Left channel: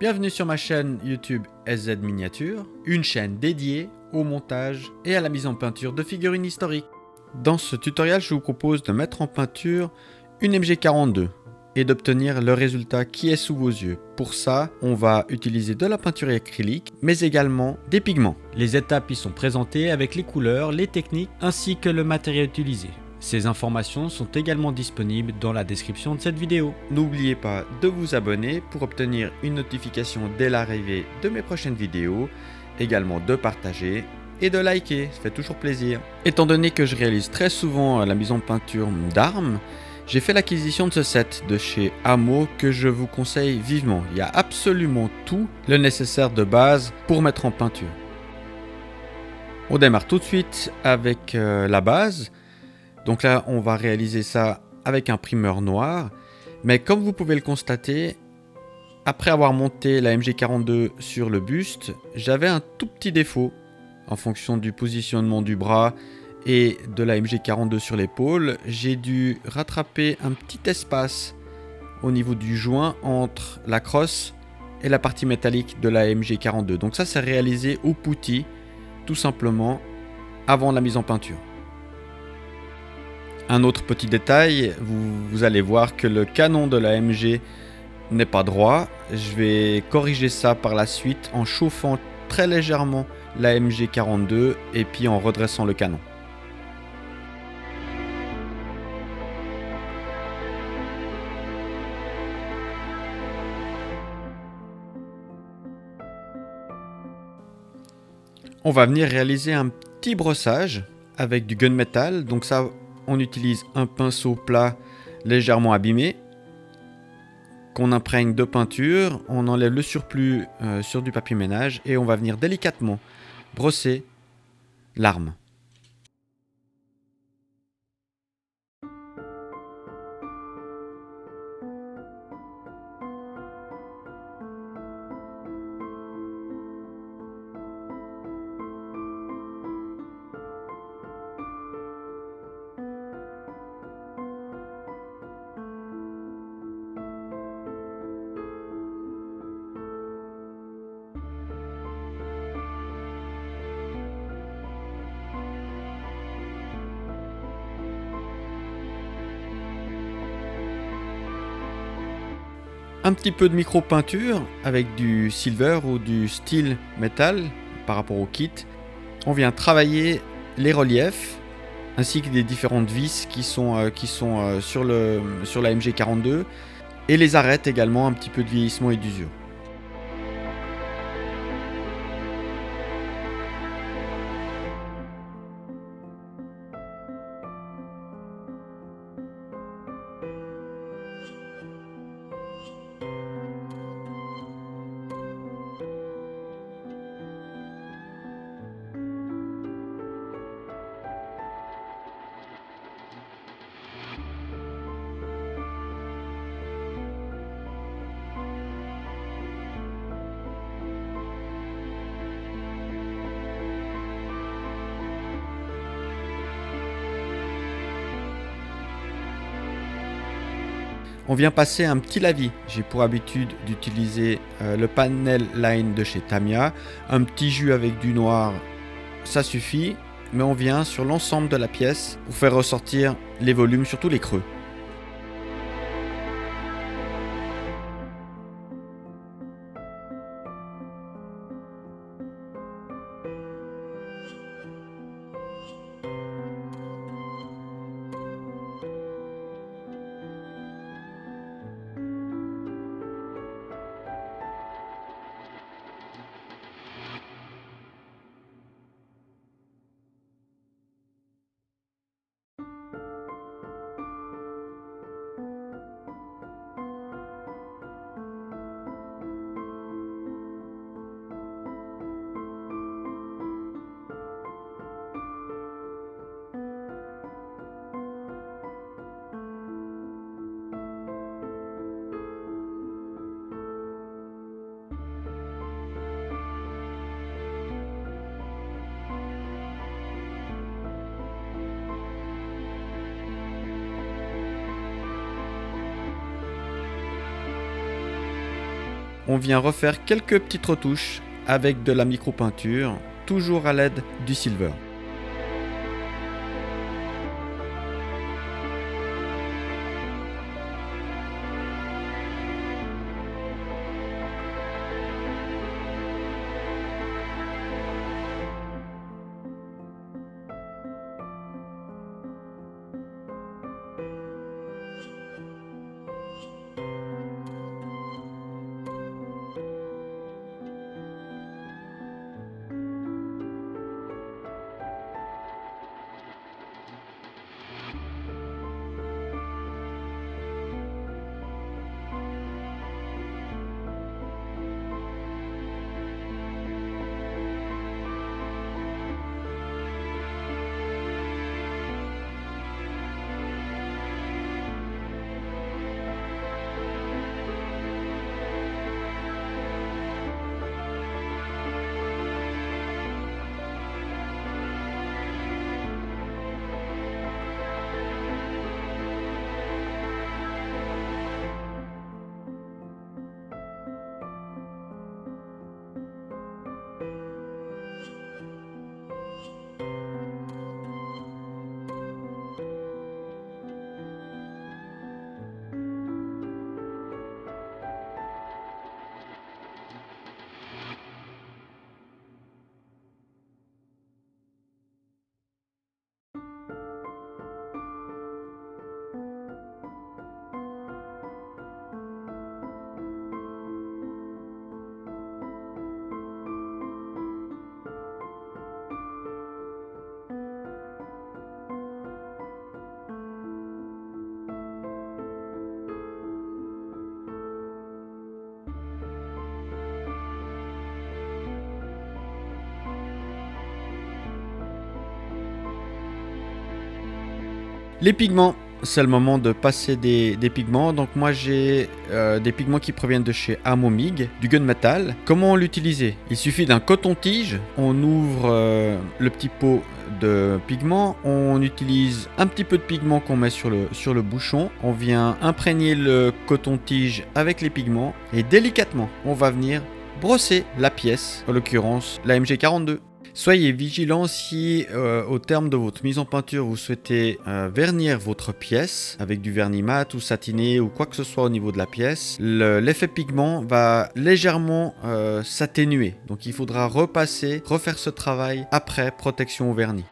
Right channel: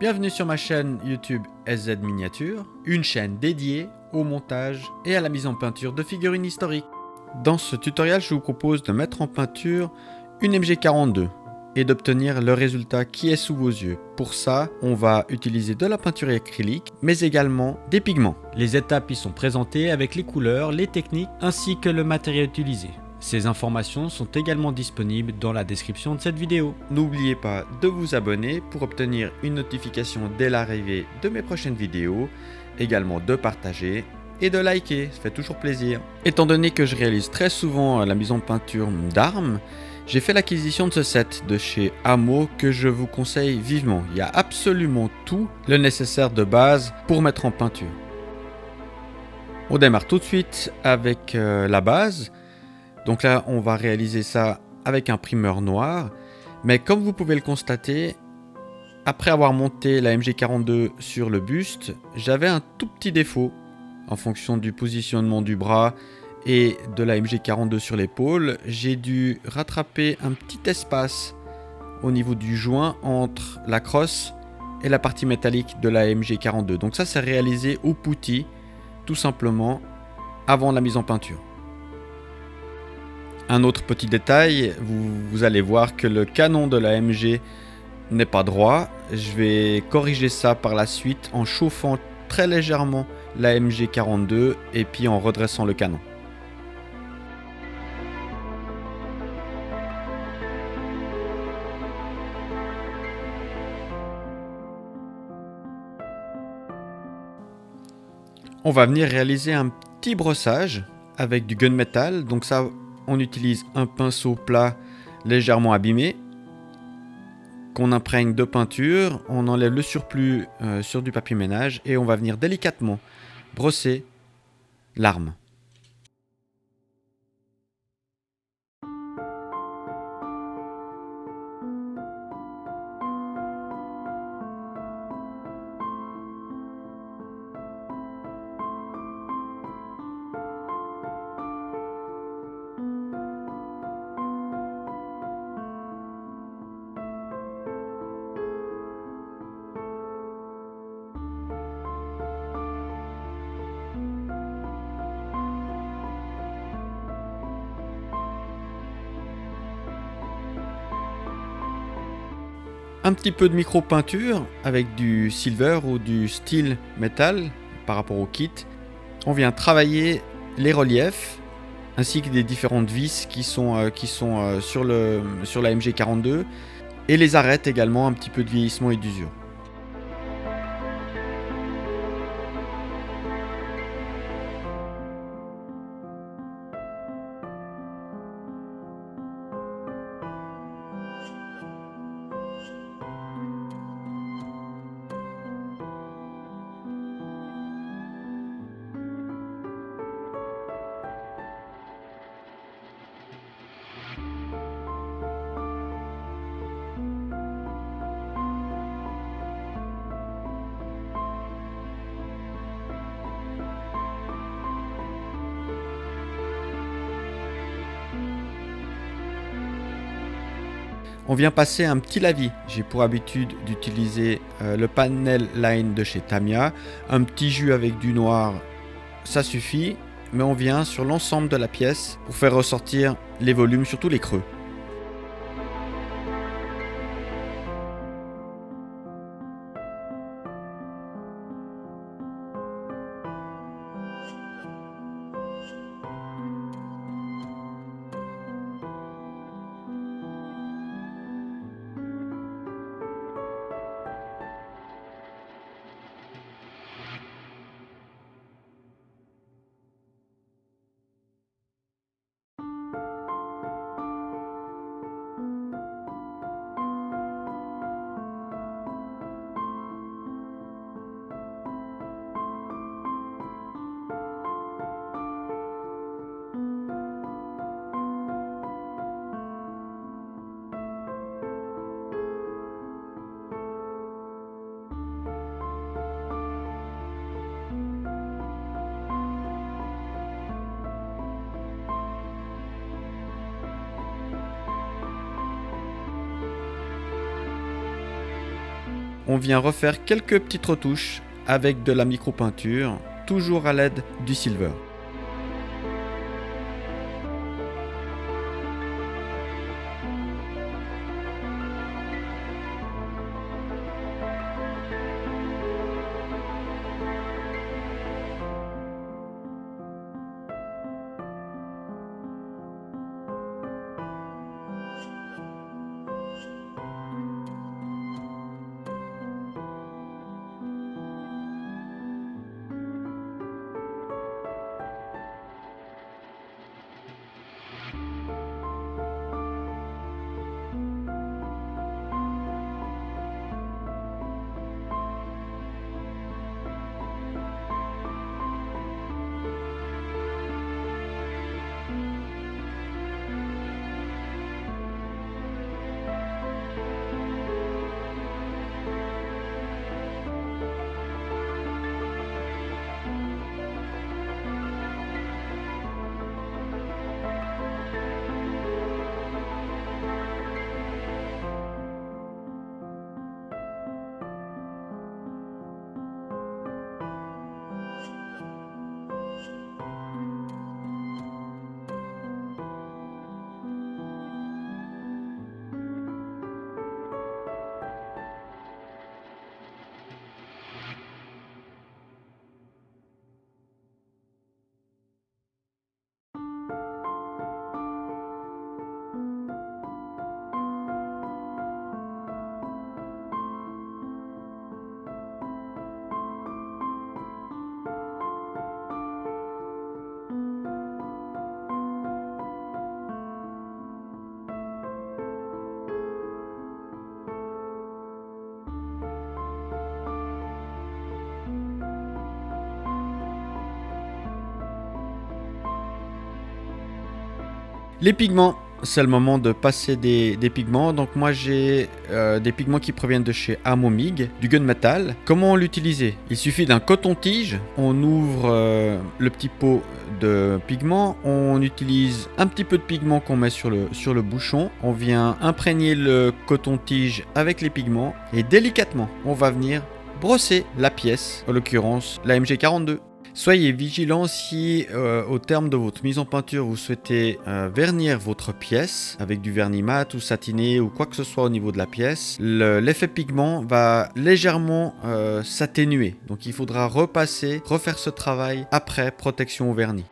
Bienvenue sur ma chaîne YouTube SZ Miniature, une chaîne dédiée au montage et à la mise en peinture de figurines historiques. Dans ce tutoriel, je vous propose de mettre en peinture une MG42 et d'obtenir le résultat qui est sous vos yeux. Pour ça, on va utiliser de la peinture acrylique, mais également des pigments. Les étapes y sont présentées avec les couleurs, les techniques ainsi que le matériel utilisé. Ces informations sont également disponibles dans la description de cette vidéo. N'oubliez pas de vous abonner pour obtenir une notification dès l'arrivée de mes prochaines vidéos, également de partager et de liker, ça fait toujours plaisir. Étant donné que je réalise très souvent la mise en peinture d'armes, j'ai fait l'acquisition de ce set de chez Hamo que je vous conseille vivement. Il y a absolument tout le nécessaire de base pour mettre en peinture. On démarre tout de suite avec la base. Donc là, on va réaliser ça avec un primeur noir. Mais comme vous pouvez le constater, après avoir monté la MG42 sur le buste, j'avais un tout petit défaut en fonction du positionnement du bras et de la MG42 sur l'épaule. J'ai dû rattraper un petit espace au niveau du joint entre la crosse et la partie métallique de la MG42. Donc ça, c'est réalisé au putty, tout simplement, avant la mise en peinture. Un autre petit détail, vous allez voir que le canon de la MG n'est pas droit. Je vais corriger ça par la suite en chauffant très légèrement la MG42 et puis en redressant le canon. On va venir réaliser un petit brossage avec du gunmetal. Donc ça, on utilise un pinceau plat légèrement abîmé qu'on imprègne de peinture. On enlève le surplus sur du papier ménage et on va venir délicatement brosser l'arme. Un petit peu de micro-peinture avec du silver ou du steel metal par rapport au kit. On vient travailler les reliefs ainsi que des différentes vis qui sont sur la MG42 et les arêtes également, un petit peu de vieillissement et d'usure. On vient passer un petit lavis. J'ai pour habitude d'utiliser le panel line de chez Tamiya. Un petit jus avec du noir, ça suffit. Mais on vient sur l'ensemble de la pièce pour faire ressortir les volumes, surtout les creux. on vient refaire quelques petites retouches avec de la micro-peinture, toujours à l'aide du silver. Les pigments, c'est le moment de passer des pigments. Donc moi j'ai des pigments qui proviennent de chez Amomig, du gunmetal. Comment l'utiliser? Il suffit d'un coton-tige, on ouvre le petit pot de pigments, on utilise un petit peu de pigment qu'on met sur le bouchon, on vient imprégner le coton-tige avec les pigments et délicatement on va venir brosser la pièce, en l'occurrence la MG42. Soyez vigilant si au terme de votre mise en peinture vous souhaitez vernir votre pièce avec du vernis mat ou satiné ou quoi que ce soit au niveau de la pièce. L'effet pigment va légèrement s'atténuer, donc il faudra refaire ce travail après protection au vernis.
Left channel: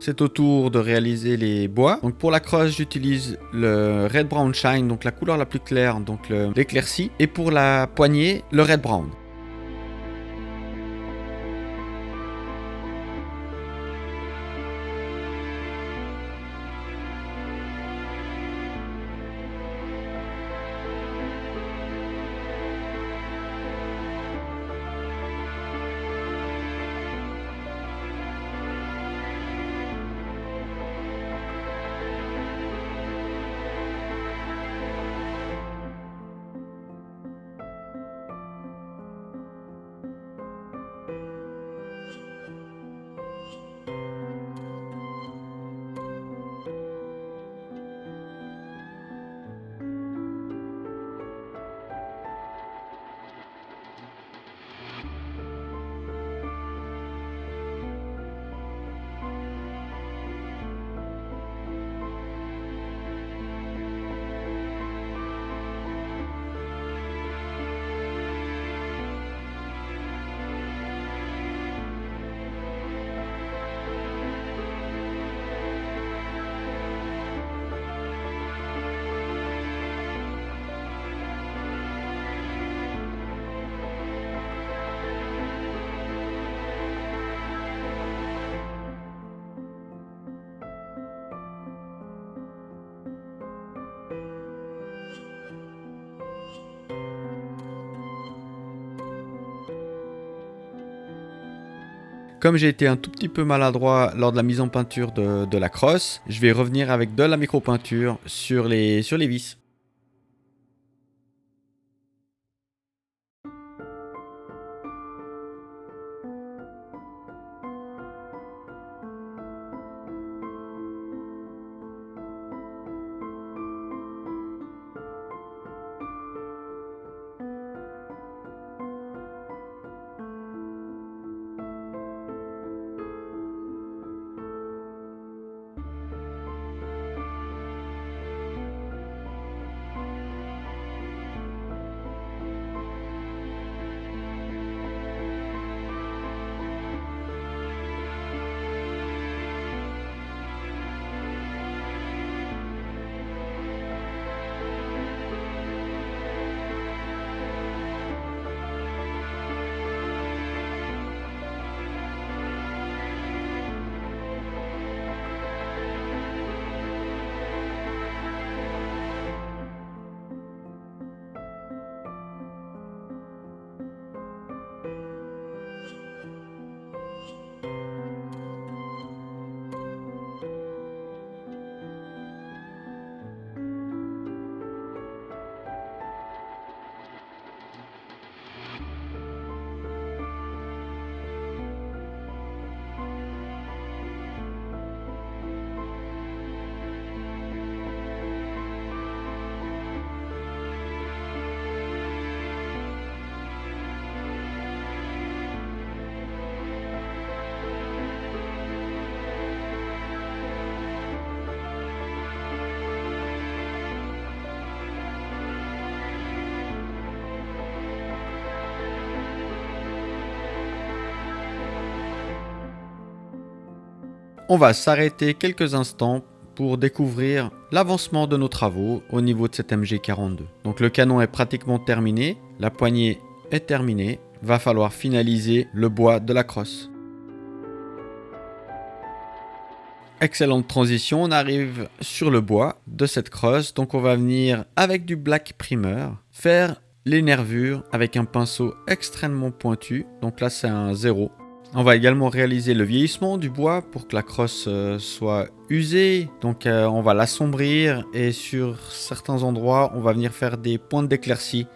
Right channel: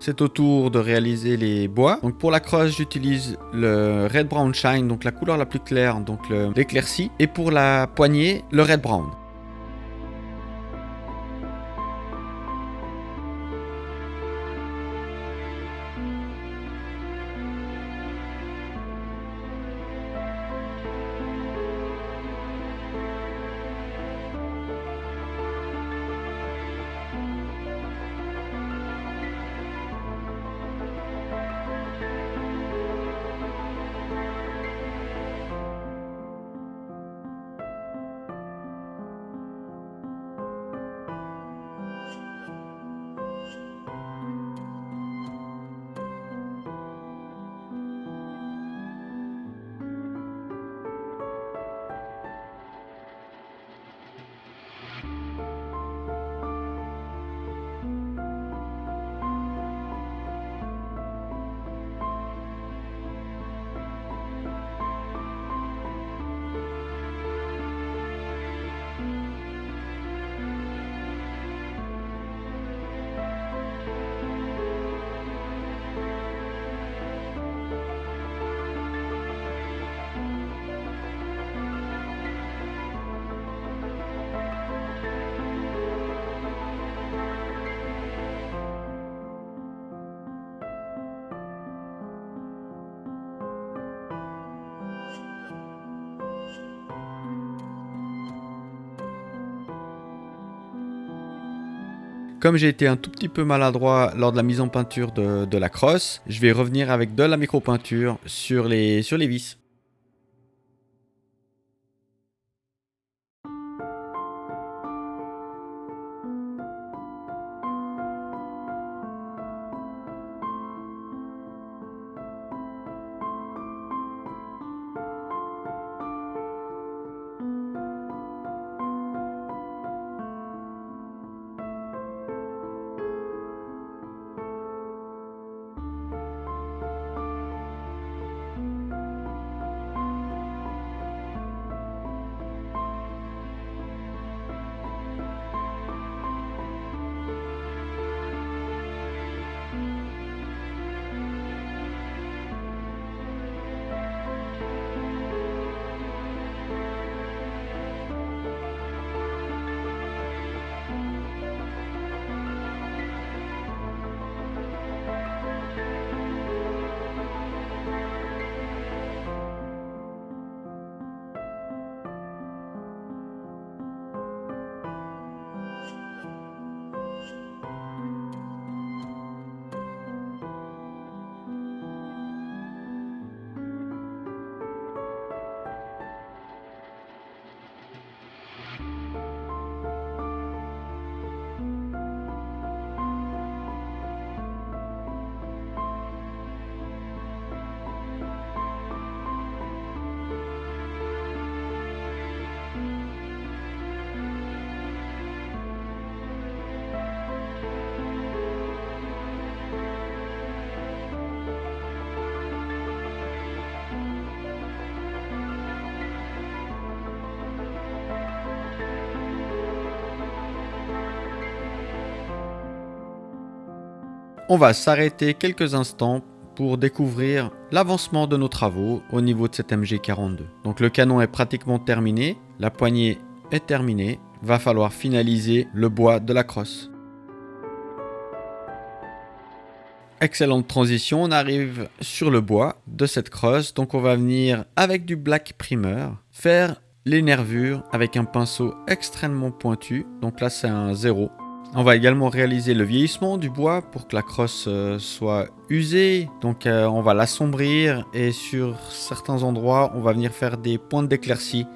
C'est au tour de réaliser les bois. Donc pour la crosse, j'utilise le Red Brown Shine, donc la couleur la plus claire, donc l'éclairci. Et pour la poignée, le Red Brown. Comme j'ai été un tout petit peu maladroit lors de la mise en peinture de la crosse, je vais revenir avec de la micro-peinture sur les vis. On va s'arrêter quelques instants pour découvrir l'avancement de nos travaux au niveau de cette MG42. Donc le canon est pratiquement terminé, la poignée est terminée, va falloir finaliser le bois de la crosse. Excellente transition, on arrive sur le bois de cette crosse, donc on va venir avec du black primer faire les nervures avec un pinceau extrêmement pointu, donc là c'est un 0. On va également réaliser le vieillissement du bois pour que la crosse soit usée. Donc on va l'assombrir et sur certains endroits, on va venir faire des pointes d'éclaircie.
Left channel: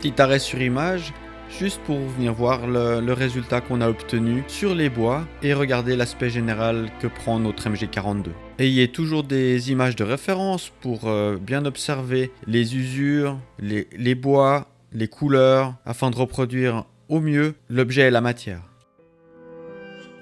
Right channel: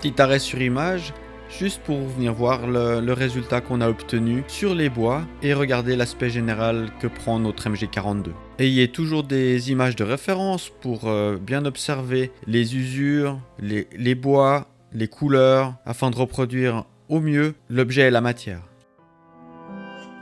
Petit arrêt sur image, juste pour venir voir le résultat qu'on a obtenu sur les bois et regarder l'aspect général que prend notre MG42. Ayez toujours des images de référence pour bien observer les usures, les bois, les couleurs, afin de reproduire au mieux l'objet et la matière.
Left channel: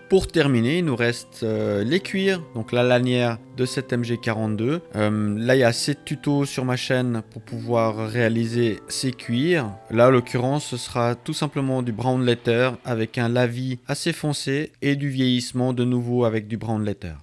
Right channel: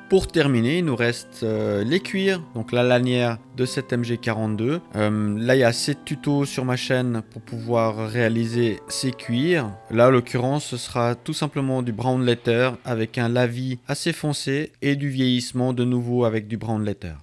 Pour terminer, il nous reste les cuirs, donc la lanière de cette MG42. Là, il y a 7 tutos sur ma chaîne pour pouvoir réaliser ces cuirs. Là, en l'occurrence, ce sera tout simplement du brown leather avec un lavis assez foncé et du vieillissement de nouveau avec du brown leather.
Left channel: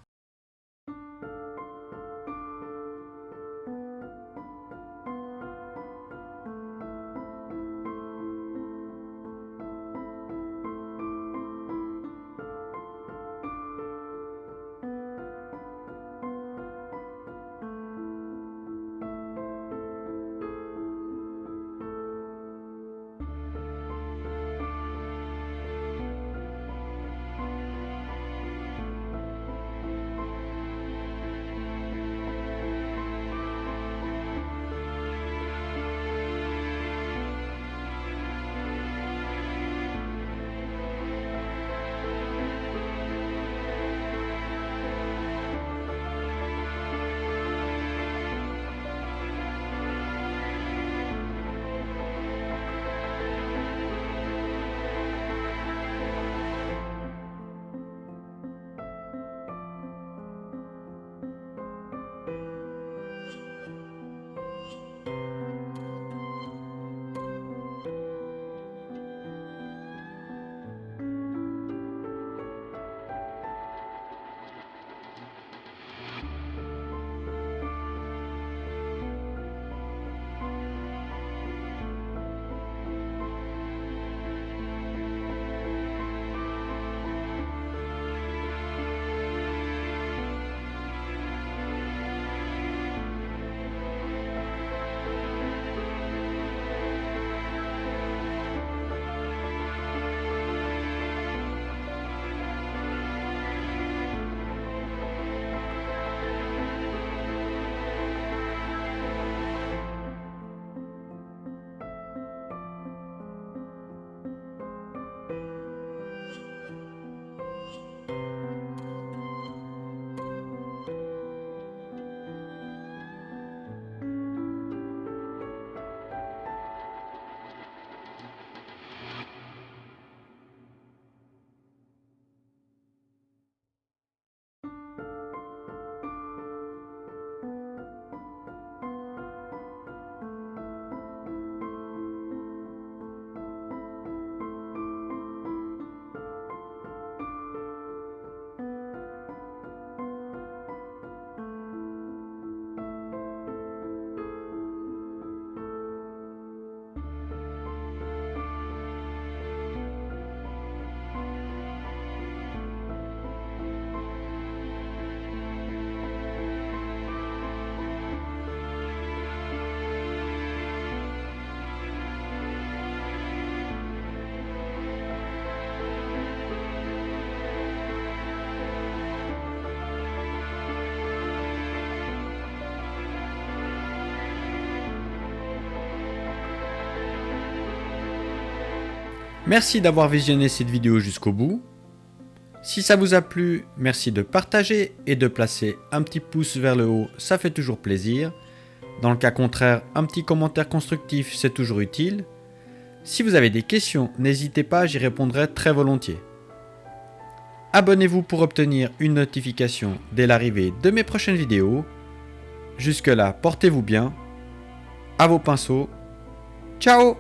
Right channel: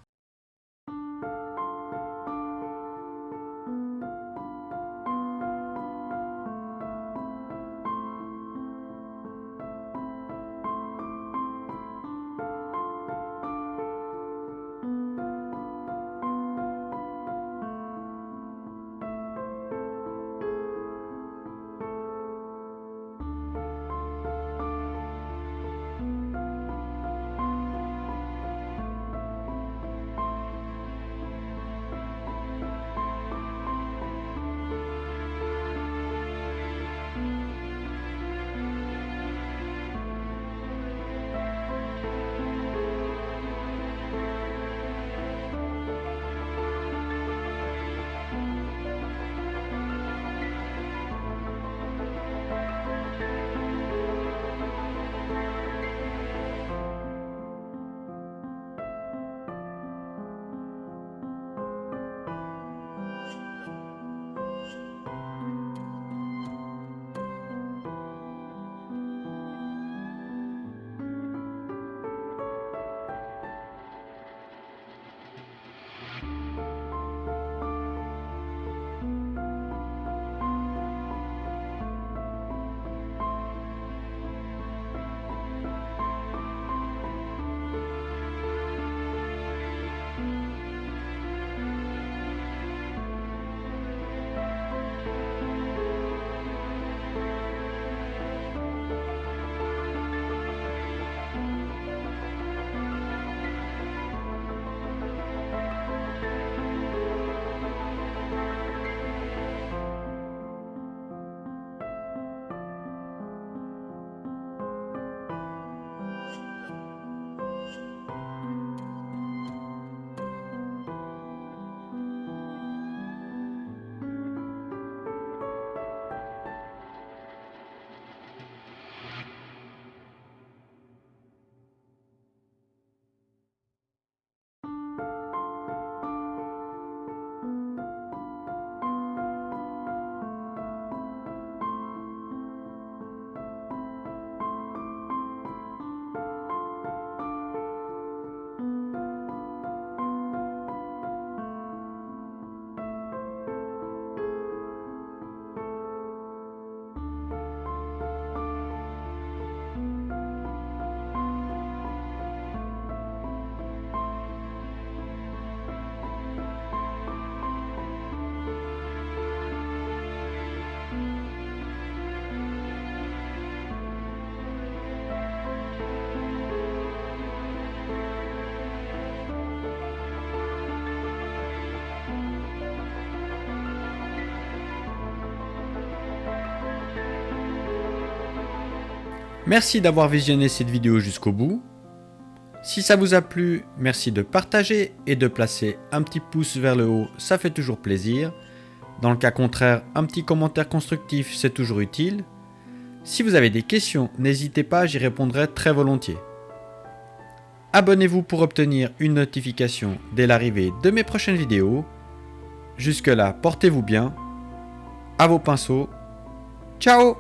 Merci d'avoir visionné cette vidéo jusqu'au bout. Si ça vous a plu, merci de partager et de placer un petit pouce vers le haut, ça fait toujours plaisir. Dans le cas contraire, un petit commentaire constructif, c'est toujours utile. Si vous avez des questions, n'hésitez pas, j'y répondrai très volontiers. Abonnez-vous pour obtenir une notification dès l'arrivée de mes prochaines vidéos. Jusque là, portez-vous bien. À vos pinceaux. Ciao!